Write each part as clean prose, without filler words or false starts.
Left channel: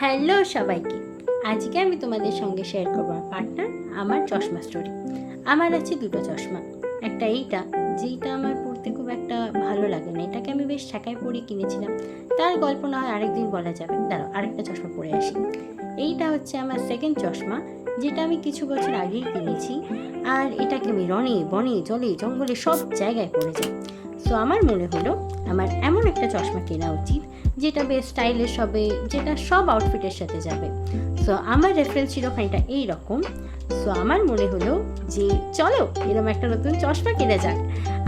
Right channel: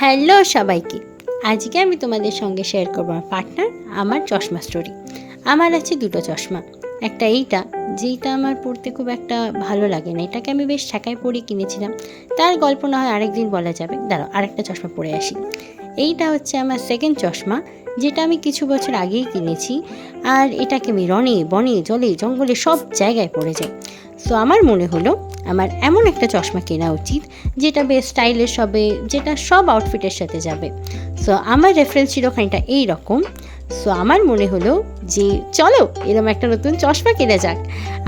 Hello সবাইকে। আজকে আমি তোমাদের সঙ্গে শেয়ার করবো আমার পার্টনার আমার চশমা স্টোরি। আমার আছে দুটো চশমা। একটা এইটা, যেইটা আমার পড়তে খুব একটা ভালো লাগে না, এটাকে আমি বেশ ঠেকায় পরে কিনেছিলাম। তার গল্প না হয় আরেকদিন বলা যাবে, দাঁড়াও আরেকটা চশমা পরে আসি। এইটা হচ্ছে আমার সেকেন্ড চশমা, যেটা আমি কিছু বছর আগেই কিনেছি। আর এটাকে আমি রনে বনে জলে জঙ্গলে সব জায়গায় পরে যাই। সো আমার মনে হলো আমার এমন একটা চশমা কেনা উচিত যেটা বেশ স্টাইলিশ হবে, যেটা সব আউটফিটের সাথে যাবে। সো আমার রেফারেন্স ছিল খানিকটা এইরকম। সো আমার মনে হলো যে চলো এরকম একটা নতুন চশমা কেনা যাক।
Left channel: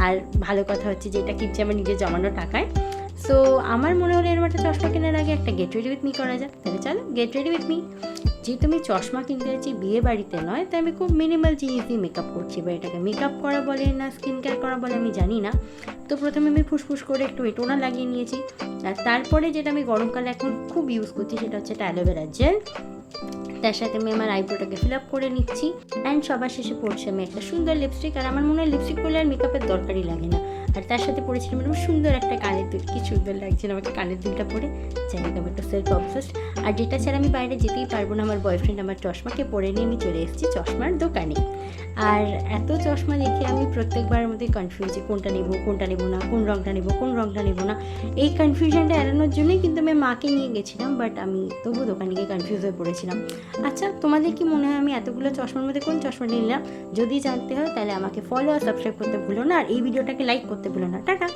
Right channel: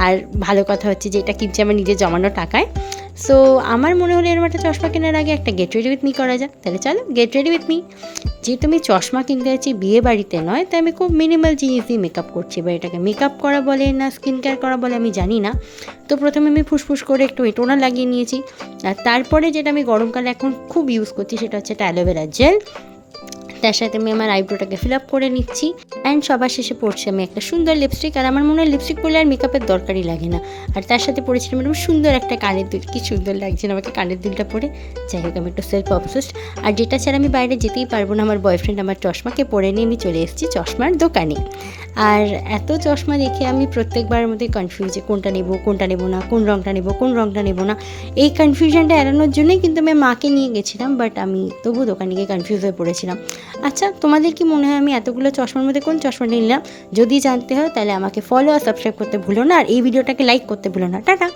আর ভালো কথা হচ্ছে যে এটা কিনছে আমার নিজের জমানো টাকায়। সো আমার মনে হলো এরকম একটা চশমা কেনার আগে একটা গেট রেডি উইথ মি করা যাক। তাহলে চলো গেট রেডি উইথ মি। যেহেতু আমি চশমা কিনতে যাচ্ছি বিয়ে বাড়িতে নয়, তাই আমি খুব মিনিমাল জিনিস দিয়ে মেকআপ করছি। বা এটাকে মেকআপ করা বলে না স্কিন কেয়ার করা বলে আমি জানি না। তো প্রথমে আমি ফুসফুস করে একটু টোনার লাগিয়ে নিয়েছি। আর তারপরে যেটা আমি গরমকালে এখন খুব ইউজ করছি সেটা হচ্ছে একটা অ্যালোভেরা জেল। তার সাথে আমি আমার আইব্রোটাকে ফিল আপ করে নিচ্ছি। অ্যান্ড সবার শেষে পড়ছি আমি একটা সুন্দর লিপস্টিক। আর আমার মনে হয় লিপস্টিক পরলে আর মেকআপের দরকারই লাগে না। আর তার সাথে পরেছিলাম এরকম সুন্দর একটা কানের দুল। কি সুন্দর লাগছিল আমাকে কানের দুলটা পরে। যাই হোক, আমি একটু সেলফ অবসেসড। আর যেটা ছাড়া আমি বাইরে যেতেই পারবো না, আমার বয়ফ্রেন্ড আমার চশমাকে পরে নিয়ে আমি চলে এসেছি চশমার দোকানে। আর এত চশমা দেখে আমি প্রত্যেকবারের মধ্যে কনফিউজ, যে কোনটা নেব না, কোন রঙটা নেব না। এই কনফিউশনটা এড়ানোর জন্যই কিন্তু আমি মাকে নিয়ে গেছিলাম, বাট আমি তবু দোকানে গিয়ে কনফিউজ হয়ে পড়েছিলাম। আচ্ছা, তোমাদের কি মনে হয় আমি এতগুলো চশমার মধ্যে কোন চশমাটা নিলাম? যদি জানতে হয় তাহলে আমাকে ফলো আর সাবস্ক্রাইব করতে ভুলো না, আর এই ভিডিওটাকে লাইক করতে ভুলো না। টাটা।